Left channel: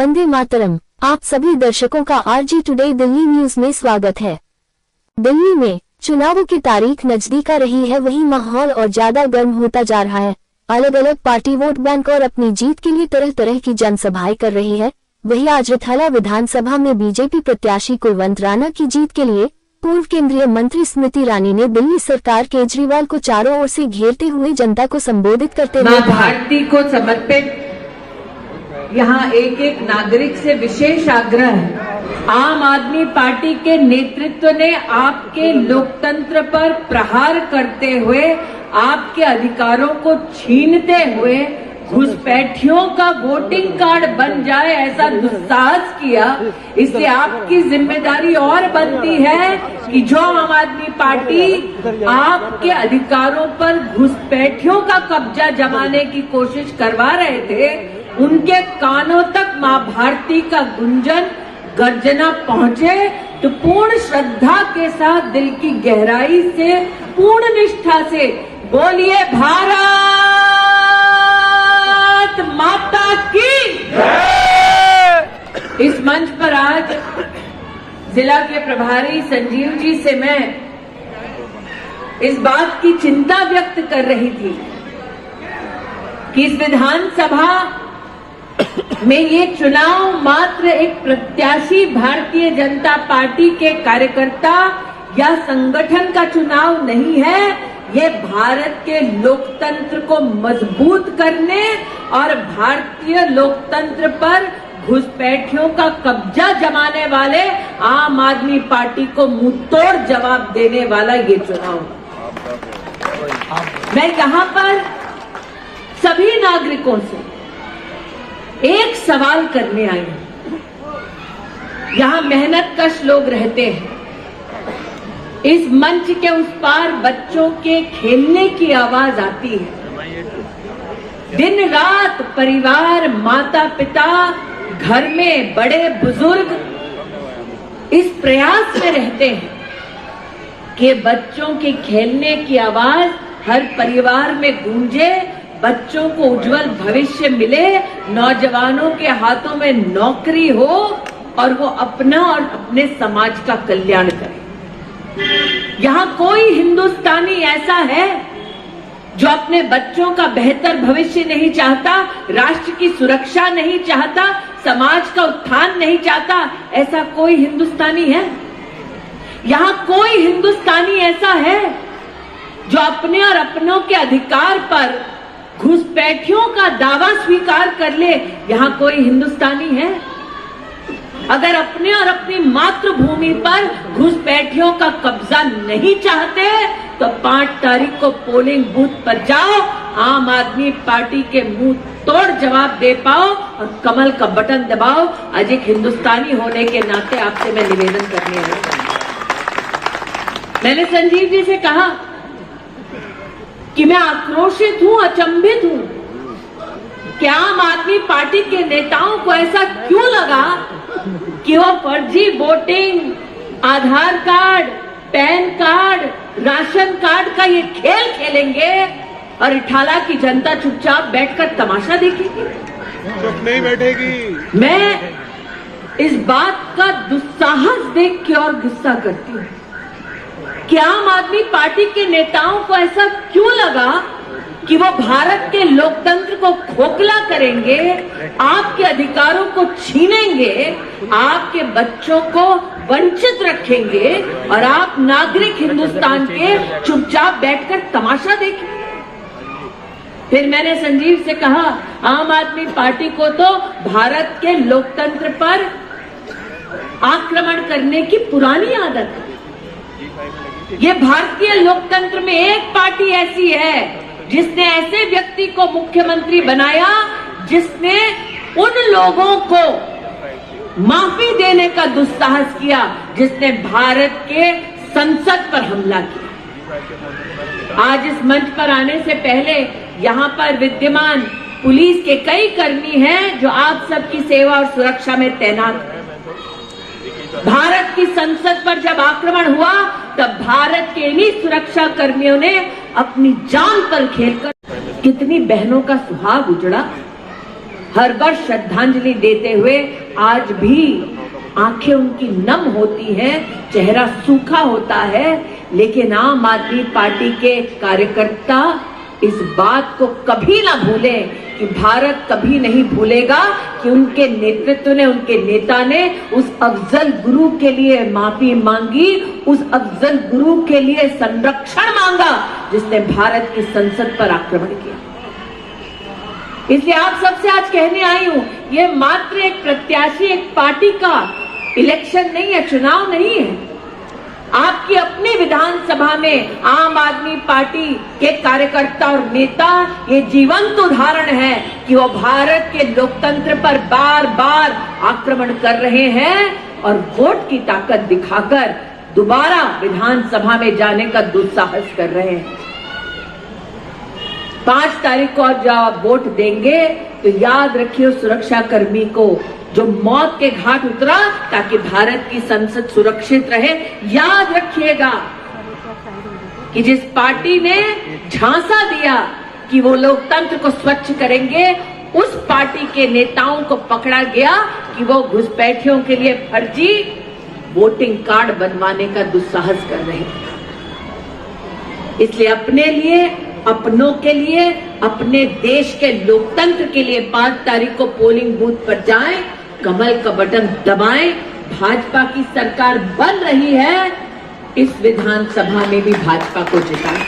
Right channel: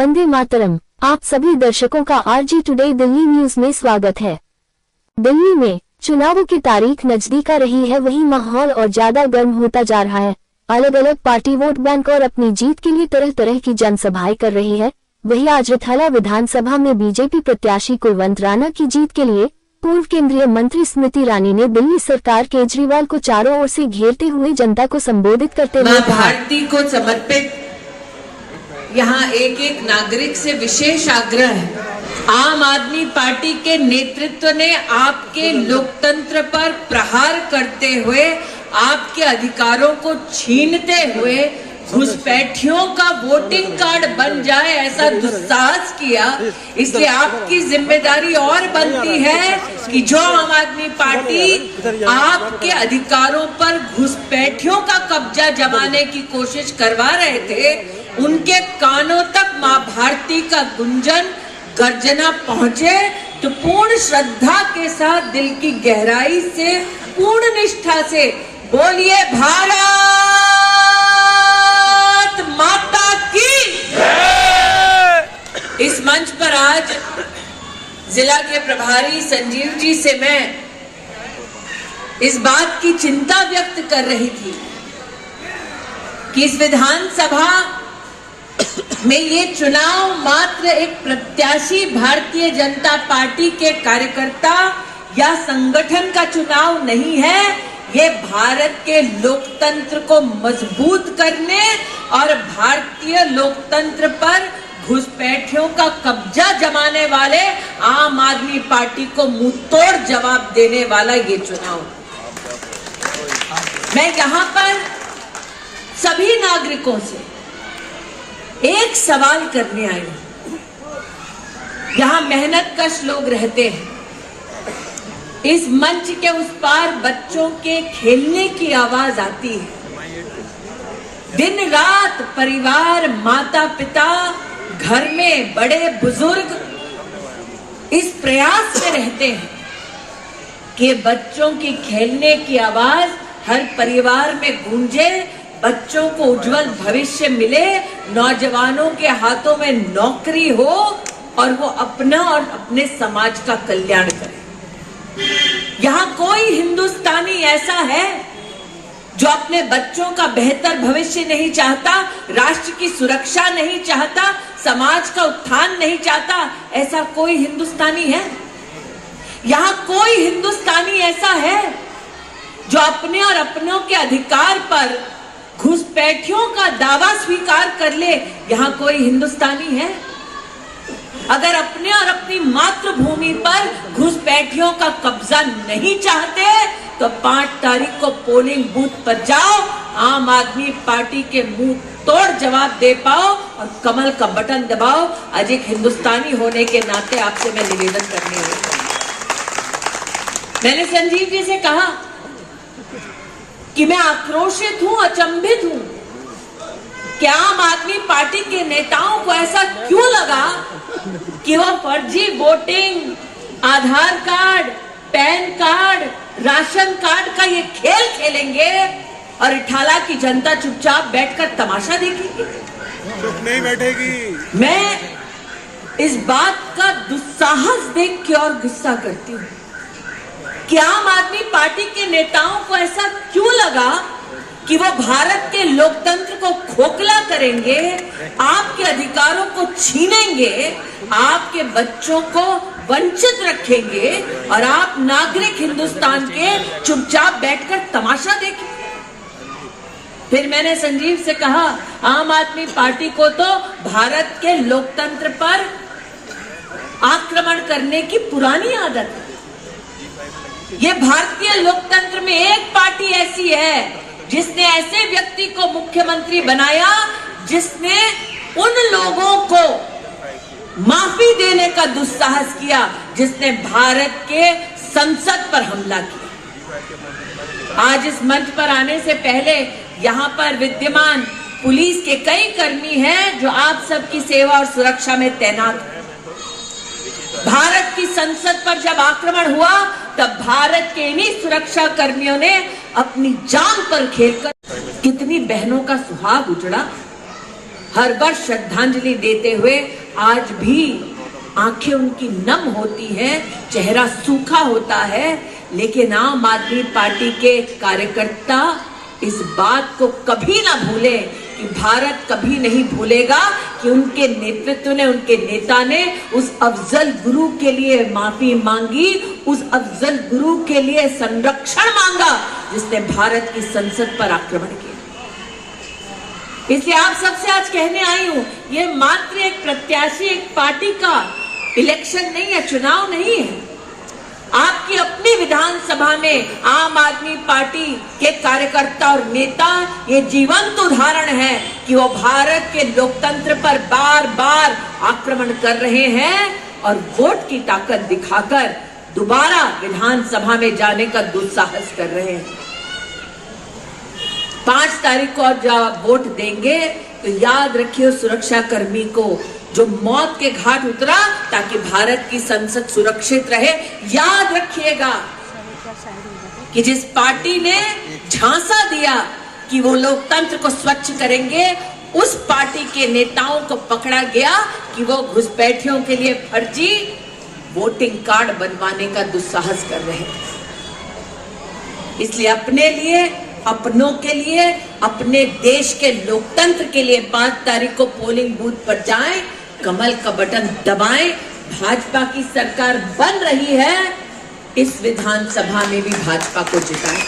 वंदे मातरम। आप सभी दर्शकों का आरजी टुडे दिल्ली न्यूज में स्वागत है। दिल्ली में चुनावों की तारीख नजदीक आ रही है, वहीं माहौल और ज्यादा गर्म होता जा रहा है। अलग अलग पार्टी वोट बैंक और अपनी जीत के लिए तरह तरह की जनसभाएं कर रही है। वहीं आज रिथाला विधानसभा में बीजेपी प्रत्याशी कुलवंत राणा की जीत के लिए पूर्व केंद्रीय मंत्री स्मृति ईरानी ने दिल्ली सरकार केजरीवाल को चारों ओर से घेरते हुए जनता को संबोधित करते हुए कहा, भारती को समर्पित यहाँ एक एक नागरिक से विशेष आग्रह है। आम आदमी पार्टी के नेतृत्व ने आपके लोकतंत्र पर प्रहार करते हुए, आपके अधिकारों को छीनते हुए घुसपैठियों का वोटिंग कार्ड बन जाए ऐसा दुस्साहस किया। इसलिए आपकी जिम्मेदारी और बनती है कि जो आम आदमी पार्टी आपके अधिकारों पर घुसपैठियों का कब्जा जमाने की कोशिश करवा रहे थे, उनके कानों तक मां भारती का गुंजन गर्जना पहुंचे तो पूर्ण श्रद्धा के साथ, दिल की गहराई से, पूर्ण निष्ठा से बोलिए भारत माता की। इस मंच पर आज जिला के प्रभारी संजीव जी से मैं इस बात की चिंता व्यक्त कर रही थी कि इस विधानसभा में ये चुनाव मात्र एक प्रत्याशी भारतीय जनता पार्टी के कार्यकर्ता या संगठन का चुनाव नहीं है। ये भारत के लोकतंत्र को मजबूत करने और भारतीय लोकतंत्र पर घुसपैठियों का कब्जा जमाने वाले आम आदमी पार्टी को मुंहतोड़ जवाब देने वाला ये चुनाव। मैं यहाँ पर सभी नागरिकों से एक सवाल करने आई हूं। यहाँ मेहनतकश लोग रहते हैं। इस मंच के उस पार बच्चों के खेलने की आवाज आती है। दिन रात परिवार, माता पिता, घर में बड़े बुजुर्ग इस प्रयास में रहते हैं कि बच्चों के खेलने की आवाज हर परिवार में गूंजे, बच्चों को उज्जवल भविष्य मिले, नौजवानों के हाथों में नौकरी हो और वो अपना और अपने समाज का कल्याण करे। यहाँ कोई हिंदुस्तानी ऐसा है जो अपने बच्चों का बेहतर भविष्य नहीं चाहता, राष्ट्र की सुरक्षा नहीं चाहता, समाज का उत्थान नहीं चाहता? ऐसा कोई हिंदुस्तानी है? यहाँ कोई हिंदुस्तानी ऐसा है जो अपने और अपनों के अधिकार पर घुसपैठियों का दावा स्वीकार कर ले? यहाँ कोई हिंदुस्तानी है? अगर अपने और अपनी मातृभूमि पर घुसपैठियों का कब्जा नहीं चाहते तो 5 तारीख को पोलिंग बूथ पर जाओ, आम आदमी पार्टी के मुंह तोड़ जवाब दे पाओ और कमल का बटन दबाओ। आज एक हिंदुस्तानी होने के नाते आपसे मैं निवेदन करने वाली। मैंने संजीव जी से कहा कि मैं आक्रोशित हूं, अचंभित हूं कि आम आदमी पार्टी के नेताओं को ऐसा क्यों लगा कि वो फर्जी voting, Aadhaar card, PAN card, ration card का ये खेल खेलेंगे और रिठाला की जनता चुपचाप बैठकर तमाशा देखेगी, चुप नहीं बैठेगी। मैं इस बात का दुस्साहस देख के और गुस्सा करती हूँ कि आम आदमी पार्टी के नेताओं को ऐसा क्यों लगा कि वो भारत के लोकतंत्र को खोखला करेंगे, आपके अधिकारों को छीनेंगे, आपके बच्चों को वंचित रखेंगे और आप नागरिक हिंदुस्तान के चुपचाप बैठकर तमाशा देखेंगे। फिर मैंने संजीव से कहा, आम आदमी पार्टी को तो भारत के लोकतंत्र पर आक्रमण करने की पुरानी आदत है। ये भारतीय लोकतंत्र में एक पार्टी ऐसी है जिसने ऐसे व्यक्ति को मुख्यमंत्री बनाया जिसने उन लोगों को माफी देने का दुस्साहस किया जिसने भारत के संसद पर हमला किया। आज इस मंच पर आने से पहले यहाँ पर विद्यमान पुलिस के कई कर्मी हैं जो आप सबकी सेवा और सुरक्षा में तैनात हैं। भारत की संसद पर जब आक्रमण हुआ तब भारत के इन्हीं सुरक्षा कर्मियों ने अपनी जान पर खेलकर कितनी बहनों का सुहाग उजड़ा। हर वर्ष श्रद्धांजलि देते हुए आज भी आंखें उनकी नम होती हैं, चेहरा सूखा होता है, लेकिन आम आदमी पार्टी के कार्यकर्ता इस बात को कभी ना भूलें कि भारत कभी नहीं भूलेगा कि उनके नेतृत्व ने, उनके नेता ने उस अफजल गुरु के लिए माफी मांगी, उस अफजल गुरु के लिए संरक्षण मांगा जिसने भारत की संसद पर आक्रमण किया। इसलिए आप सबसे आज कहने आई हूं, ये मात्र एक प्रत्याशी, एक पार्टी का इलेक्शन नहीं है, चुनाव नहीं है। आपकी अपनी विधानसभा में आम आदमी पार्टी के कार्यकर्ता और नेता ये जीवंत उदाहरण है कि वो भारत के लोकतंत्र पर बार बार आक्रमण कर रहे हैं और वोट की ताकत दिखाकर दोबारा विधानसभा में जाने का दुस्साहस कर रहे हैं। 5 तारीख को जब आप वोट देंगे तो याद रखिए सुरक्षा कर्मी को जो मौत के घाट उतरा ताकि भारत की संसद सुरक्षित रहे, याद रखिएगा कि जिस पार्टी ने झांसा दिया कि वो लोकतंत्र को स्वच्छ करेंगे, उस पार्टी के नेताओं को पकड़ा गया कि वो घुसपैठियों के लिए फर्जी वोटिंग कार्ड बनवाने का दुस्साहस कर रहे हैं। इसलिए अपने लिए, अपनों के लिए, अपने देश के लोकतंत्र के लिए 5 तारीख को पोलिंग बूथ पर जाएं, कमल का बटन दबाएं। भाजपा की सरकार बन रही है, इस विधानसभा में भी भाजपा को जिताएं।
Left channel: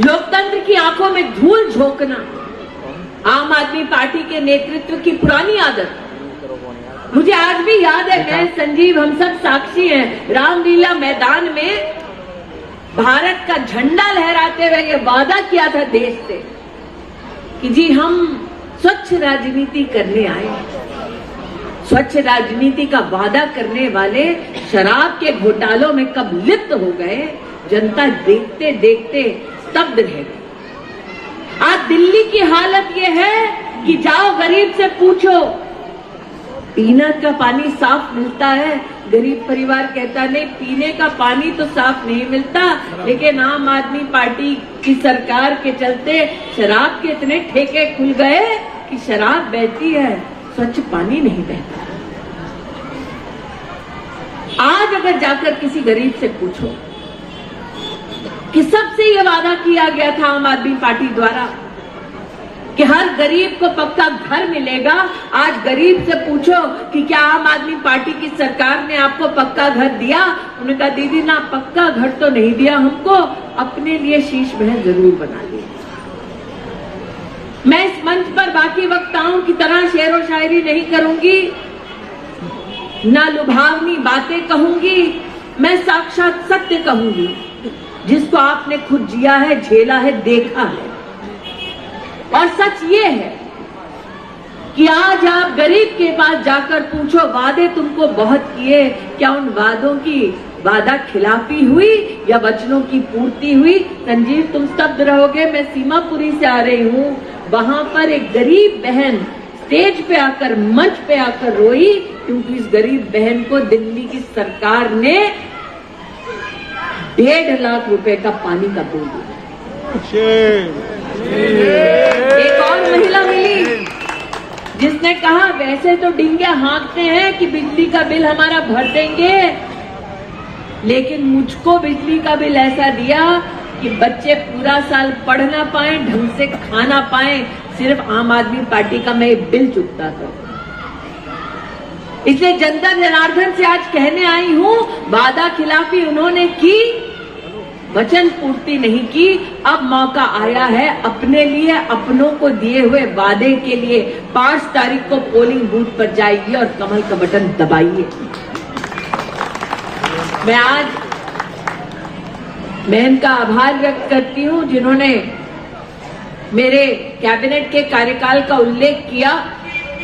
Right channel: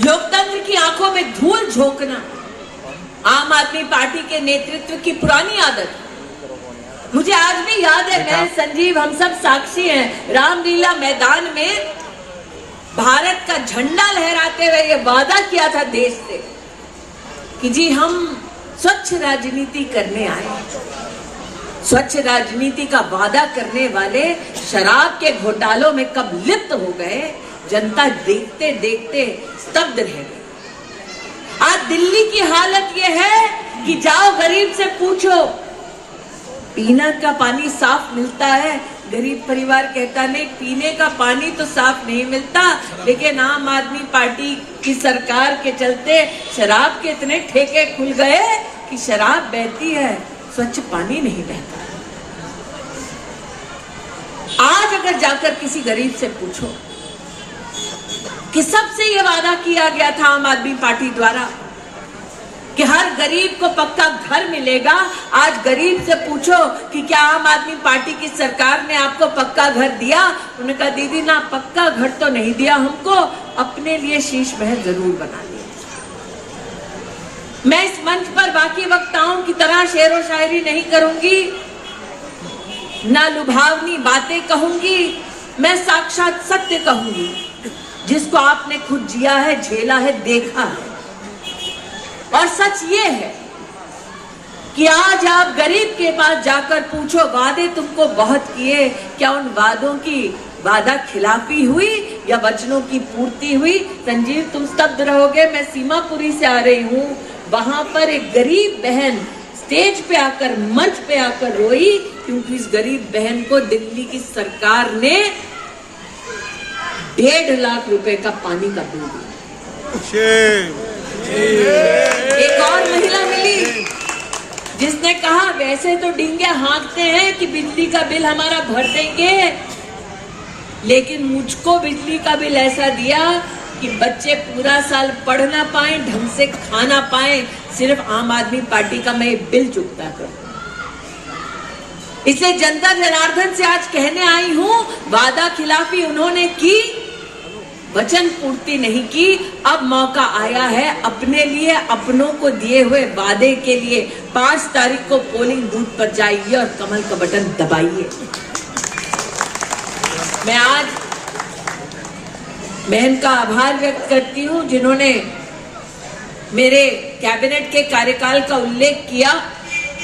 लोकतंत्र की आंखों में धूल झोंकना आम आदमी पार्टी के नेतृत्व की पुरानी आदत। मुझे आज भी याद है, मैं, संजीव, हम सब साक्षी हैं, रामलीला मैदान में भारत का झंडा लहराते हुए ये वादा किया था देश से कि जी हम स्वच्छ राजनीति करने आए। स्वच्छ राजनीति का वादा करने वाले शराब के घोटालों में कब लिप्त हो गए, जनता देखते देखते स्तब्ध रह गई। आज दिल्ली की हालत ये है कि जाओ गरीब से पूछो, पीने का पानी साफ मिलता है? गरीब परिवार कहता नहीं, पीने का पानी तो साफ नहीं मिलता, लेकिन आम आदमी पार्टी की सरकार के चलते शराब के इतने ठेके खुल गए कि शराब बहती है, स्वच्छ पानी नहीं बहता। आज अगर जाकर किसी गरीब से पूछो कि सबसे ये वादा किया गया था आम आदमी पार्टी द्वारा कि हर गरीब को पक्का घर मिलेगा, आज गरीब से पूछो कि क्या आम आदमी पार्टी की सरकार ने आपको पक्का घर दिया? उन्होंने कहा दीदी ना, पक्का घर तो नहीं दिया हमको, अपने लिए शीश महल जरूर बना लिया। मैं इस मंच पर बाकी वक्ताओं की तरह शेर व शायरी नहीं करूंगी, ना लुभावनी बातें कहूंगी, मैं साक्षात सत्य कहूंगी जिसको आपने खुद जिया है, झेला है, देखा है। और सच ये है कि आज आप गरीब के पास जाकर पूछो, वादे तुमको बहुत किए, क्या उन वादों की वादा खिलाफी हुई या वचनों की पूर्ति हुई? संजीव तुम स्तब्ध रहोगे, मैं सीमापुरी से आ रही हूँ, वहां पर एक गरीब बहन स्टेज पे आकर, मंच पे आकर रोई क्योंकि इस गरीब बहन को दिल्ली की सरकार ने 1.5 लाख रुपए का पानी का बिल दिया। एक और महिला मिली जिसने कहा वैसे तो डींगे हाँकते हैं कि बिजली का बिल हमारा भर देंगे, लेकिन मुझको बिजली का बिल ऐसा दिया कि बच्चे पूरा साल पढ़ ना पाए, ढंग से खाना पाए, सिर्फ आम आदमी पार्टी का मैं बिल चुकता करूं। इसलिए जनता जनार्दन से आज कहने आई हूं, वादा खिलाफी उन्होंने की, वचन पूर्ति नहीं की। अब मौका आया है अपने लिए, अपनों को दिए हुए वादे के लिए 5 तारीख को पोलिंग बूथ पर जाइए और कमल का बटन दबाइए। मैं आज बहन का आभार व्यक्त करती हूं जिन्होंने मेरे कैबिनेट के कार्यकाल का उल्लेख किया।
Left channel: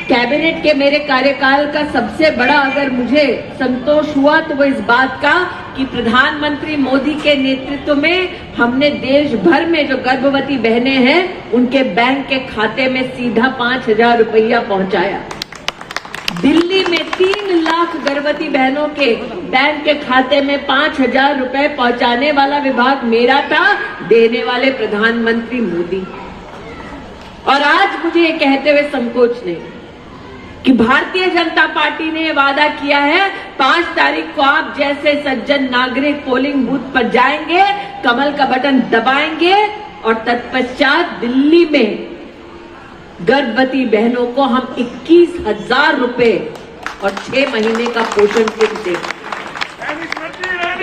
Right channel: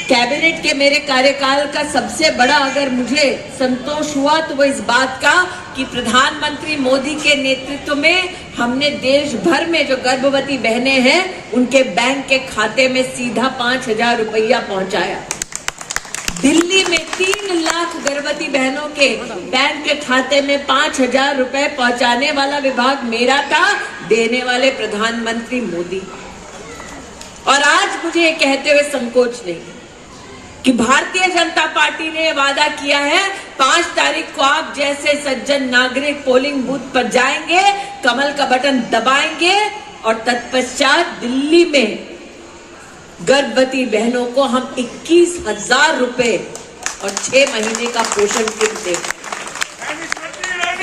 कैबिनेट के मेरे कार्यकाल का सबसे बड़ा अगर मुझे संतोष हुआ तो वो इस बात का कि प्रधानमंत्री मोदी के नेतृत्व में हमने देश भर में जो गर्भवती बहनें हैं उनके बैंक के खाते में सीधा 5,000 रुपया पहुंचाया। दिल्ली में 3 लाख गर्भवती बहनों के बैंक के खाते में 5,000 रुपए पहुंचाने वाला विभाग मेरा था, देने वाले प्रधानमंत्री मोदी। और आज मुझे ये कहते हुए संकोच नहीं कि भारतीय जनता पार्टी ने वादा किया है 5 तारीख को आप जैसे सज्जन नागरिक पोलिंग बूथ पर जाएंगे, कमल का बटन दबाएंगे और तत्पश्चात दिल्ली में गर्भवती बहनों को हम 21,000 रुपए और 6 महीने का पोषण किट देंगे।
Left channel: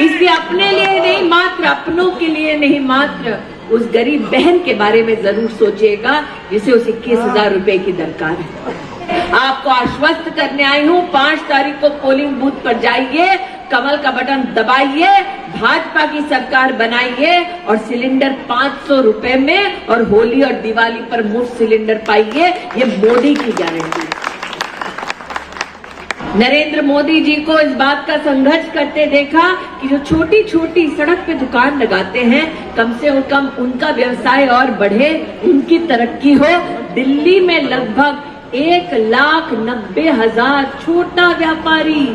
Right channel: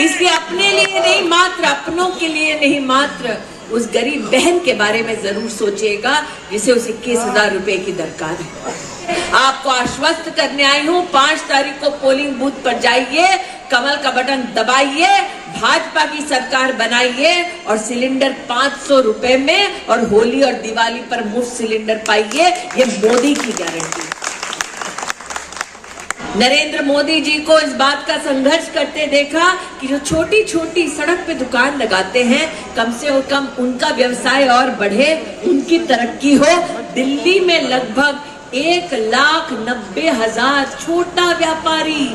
इसलिए अपने लिए नहीं मात्र, अपनों के लिए नहीं मात्र, उस गरीब बहन के बारे में जरूर सोचिएगा जिसे उस 21,000 रुपए की दरकार है। आपको आश्वस्त करने आई हूं, 5 तारीख को पोलिंग बूथ पर जाइए, कमल का बटन दबाइए, भाजपा की सरकार बनाइए और सिलेंडर 500 रुपए में और होली और दिवाली पर मुफ्त सिलेंडर पाइए। ये मोदी की गारंटी है। नरेंद्र मोदी जी को इस बात का संघर्ष करते देखा कि जो छोटी छोटी सड़क पे दुकान लगाते हैं, कम से कम उनका व्यवसाय और बढ़े, उनकी तरक्की हो। दिल्ली में लगभग 1,90,000 छोटा व्यापारी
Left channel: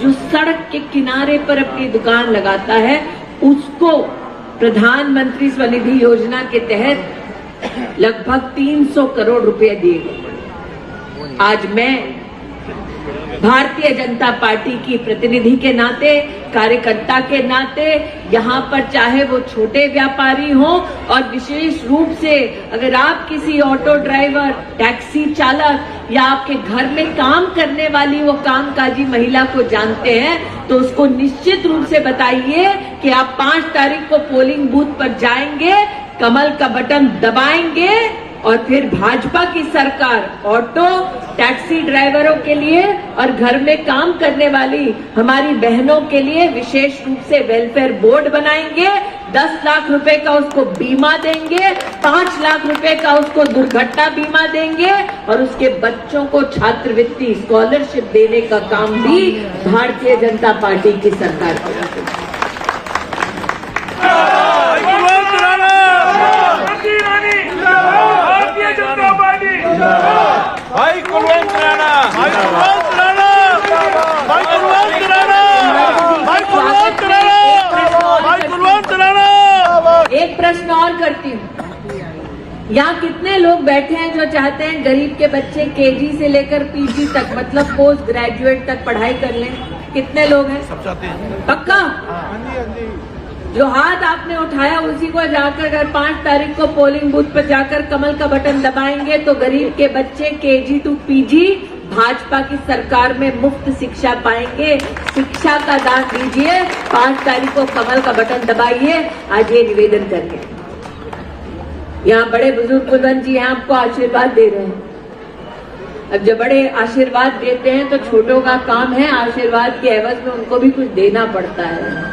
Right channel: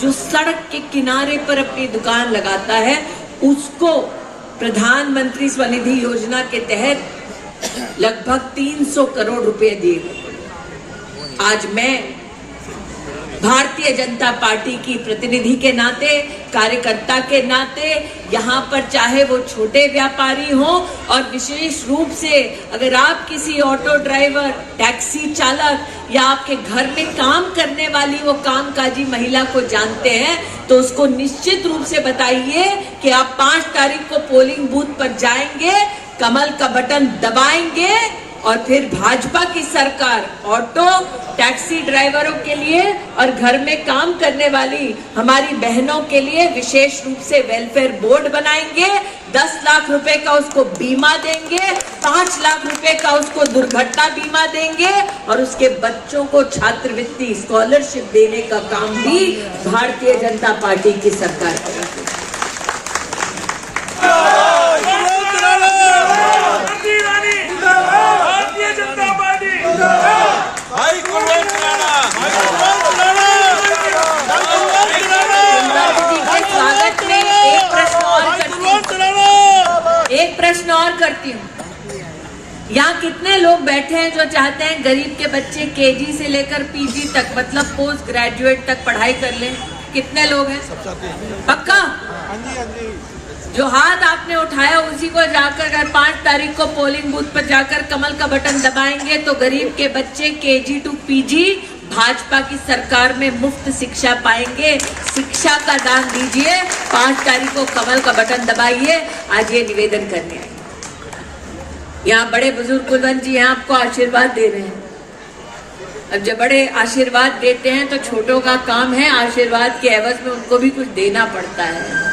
जो सड़क के किनारे पर अपनी दुकान लगाता है, उसको प्रधानमंत्री स्वनिधि योजना के तहत लगभग 300 करोड़ रुपए दिए गए। आज मैं भारतीय जनता पार्टी की प्रतिनिधि के नाते, कार्यकर्ता के नाते, यहाँ पर चाहे वो छोटे व्यापारी हो और विशेष रूप से अगर आप किसी ऑटो ड्राइवर, टैक्सी चालक या आपके घर में काम करने वाली वो कामकाजी महिला को जानते हैं, तो उसको निश्चित रूप से बताइए कि आप 5 तारीख को पोलिंग बूथ पर जाएंगे, कमल का बटन दबाएंगे और फिर भाजपा की सरकार ऑटो, टैक्सी ड्राइवरों के लिए और घर में काम करने वाली हमारी बहनों के लिए विशेष रूप से वेलफेयर बोर्ड बनाएंगे। 10 लाख रुपए का उसको बीमा देंगे, 5 लाख रुपए का उसको दुर्घटना बीमा देंगे और उसके बच्चों को छात्रवृत्ति स्कॉलरशिप देने का काम भी भारतीय जनता पार्टी की सरकार करेगी। एक प्रश्न और करती हूँ, यहाँ कितने लोग बैठे हैं जो चाहते हैं गरीब के बच्चे केजी से लेकर पीजी तक, मतलब पोस्ट ग्रेजुएट तक पढ़ाई कर लें? कितने लोग हैं? सब चाहते हैं। पक्का? जो हाथ आपने उठाया उसी को जाकर अगर 5 तारीख को पोलिंग बूथ पर जाकर कमल का बटन दबाएंगे तो गरीब के बच्चे केजी टू पीजी भाजपा की सरकार में मुफ्त शिक्षा पाएंगे। शिक्षा का दान दीजिए, 5 तारीख को कमल का बटन दबाइए। आज ये निवेदन करके यहाँ बड़े बुजुर्ग कुलवंत जी यहाँ आपको आशीर्वाद दे रहे हैं। अब जब बड़े आशीर्वाद देते हैं तो छोटों का काम है आशीर्वाद के एवज में उनको भी कुछ देना पड़ता है।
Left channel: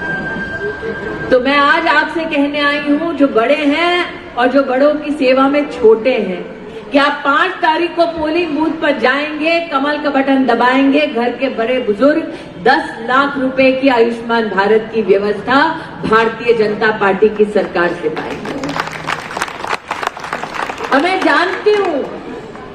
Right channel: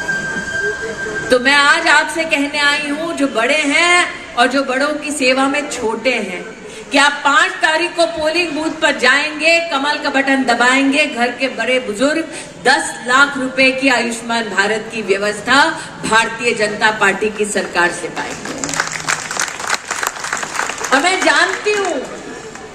तो मैं आज आपसे कहने आई हूँ, जो बड़े हैं और जो बड़ों की सेवा में छोटे हैं, कि आप 5 तारीख को पोलिंग बूथ पर जाएंगे, कमल का बटन दबाएंगे, घर के बड़े बुजुर्ग 10 लाख रुपए की आयुष्मान भारत की व्यवस्था भारतीय जनता पार्टी की सरकार से पाएंगे। और मैं जानती हूँ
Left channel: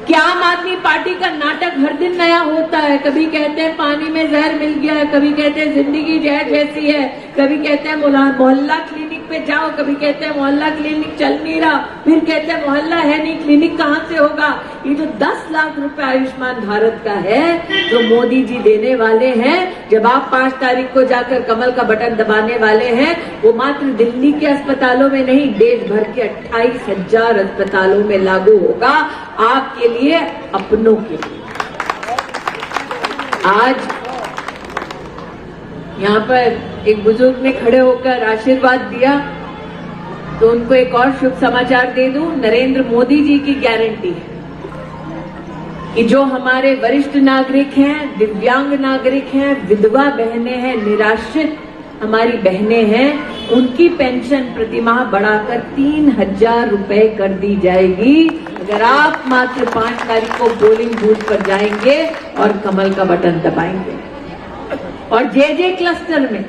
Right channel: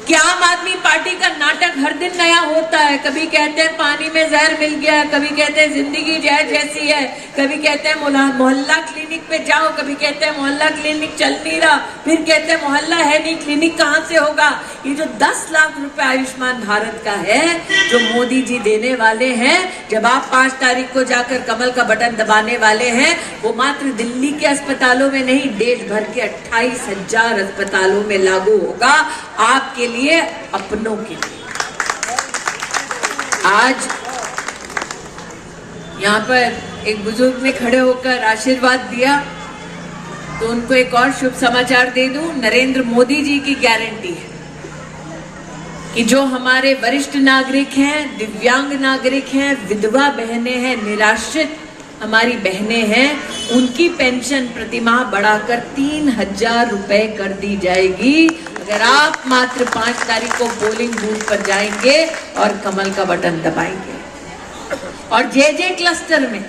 कि आम आदमी पार्टी का नाटक हर दिन नया होता है। कभी कहते हैं पानी में जहर मिल गया, कभी कहते हैं जिंदगी जहर जैसी है, कभी कहते हैं मोहल्ला क्लिनिक पे जाओ, कभी कहते हैं मोहल्ला क्लिनिक चल नहीं रहा, फिर कहते हैं मोहल्ला है नहीं, क्लिनिक कहाँ से होगा। ये जो 10 लाख रुपए आयुष्मान भारत का है जो मोदी जी देने वाले हैं, जब आप 5 तारीख को जाकर कमल का बटन दबाने वाले हैं, वो मात्र दिल्ली के अस्पतालों में नहीं, देश भर के 28,000 अस्पतालों में लागू होगा, आपके लिए, अपनों के लिए। आज यहाँ पर एक बुजुर्ग ने खड़े होकर आशीर्वाद दिया, तो उनको एक और शुभ समाचार दे दूं। नरेंद्र मोदी जी की गारंटी है कि जो हमारे वरिष्ठ नागरिक हैं, दिव्यांग नागरिक हैं, विधवा बहनें हैं, निराश्रित हमारी बहनें हैं, उनकी पेंशन प्रतिमाह बढ़ाकर 3,000 रुपए कर दी जाएगी अगर आप मात्र 5 तारीख को पोलिंग बूथ पर जाएंगे और कमल का बटन दबाएंगे। और जे क्लस्टर में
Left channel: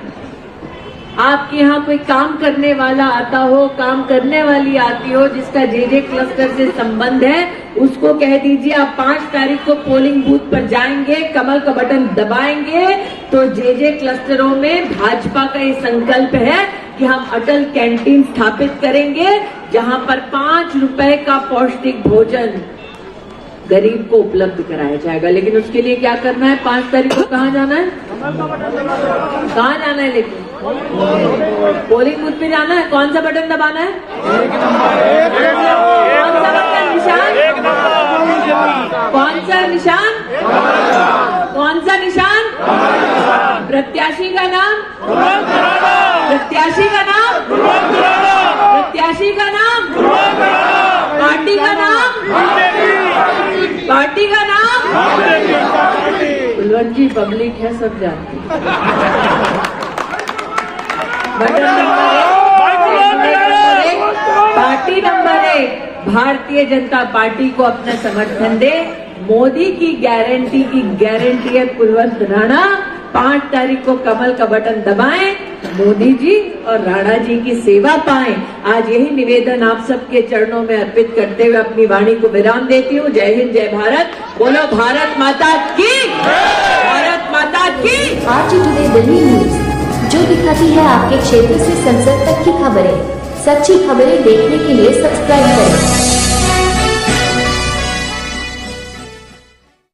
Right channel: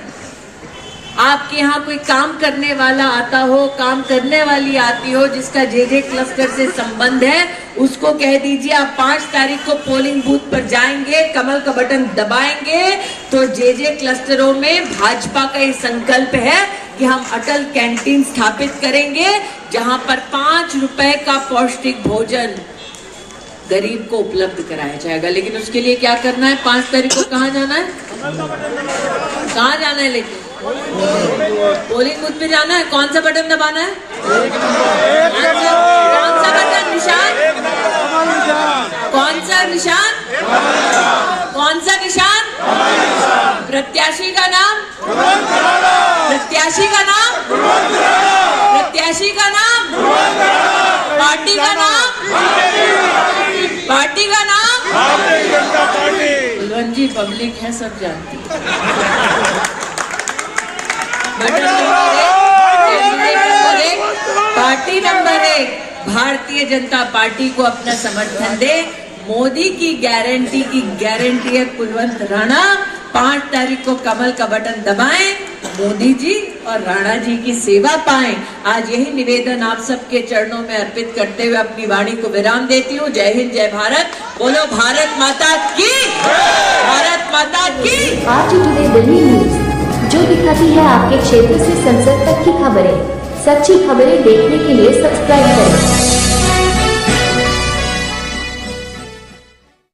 आपके यहाँ कोई काम करने वाला आता हो, काम करने वाली आती हो जिसका जे क्लस्टर से संबंध है, उसको कह दीजिए आप 5 तारीख को पोलिंग बूथ पर जाएंगे, कमल का बटन दबाएंगे, तो जे क्लस्टरों में भाजपा का ये संकल्प है कि हम अटल कैंटीन स्थापित करेंगे जहां पर 5 रुपए का पौष्टिक भोजन गरीब को उपलब्ध कराया जाएगा। लेकिन उसके लिए क्या करना है? 5 तारीख को कहाँ जाना है? कहाँ जाना है? लेकिन पोलिंग बूथ पे जाना है। कौन सा बटन दबाना है? कौन सा बटन? निशान कौन सा? निशान कौन सा? निशान प्रत्याशी का नाम, प्रत्याशी का नाम, प्रत्याशी का नाम, पार्टी का नाम, पार्टी का नाम। कुलवंत जी पब्लिक है, सब जानती है। Button number 1, candidate number 1, party number 1, Bharatiya Janata party को अपना समर्थन दे। मोदी की गारंटी है कुलवंत राणा। 5 तारीख को कमल का बटन दबाएं, मोदी जी और राणा जी की सेवा पाएं। आज यही निवेदन आप सबके चरणों में अर्पित करते हुए अपनी वाणी को विराम देती हूँ। जय हिंद, जय भारत। बोलो भारत माता की, भारत माता की। आरजी टुडे दिल्ली न्यूज, जो दिखाती है आपके क्षेत्र से संसद तक की खबरें। सच्ची खबरें देखने के लिए सब्सक्राइब करें।